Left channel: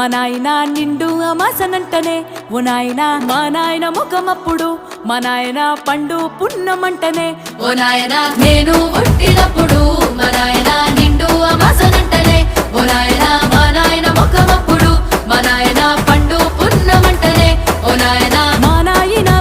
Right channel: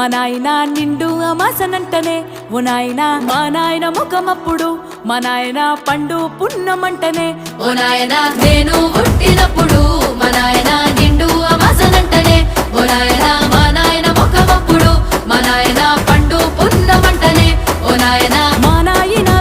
మా నాయన నిండు అమాసనంటనే ఓ నాయన మా నాయన ముఖమప్పుడు మా నాయన పండు పున్నమంటనే ఓ నాయన నేను పుట్టినప్పుడు మా నాయన నిండు అమాసనంటనే ఓ నాయన మా నాయన ముఖమప్పుడు మా నాయన పండు పున్నమంటనే ఓ నాయన మా నాయన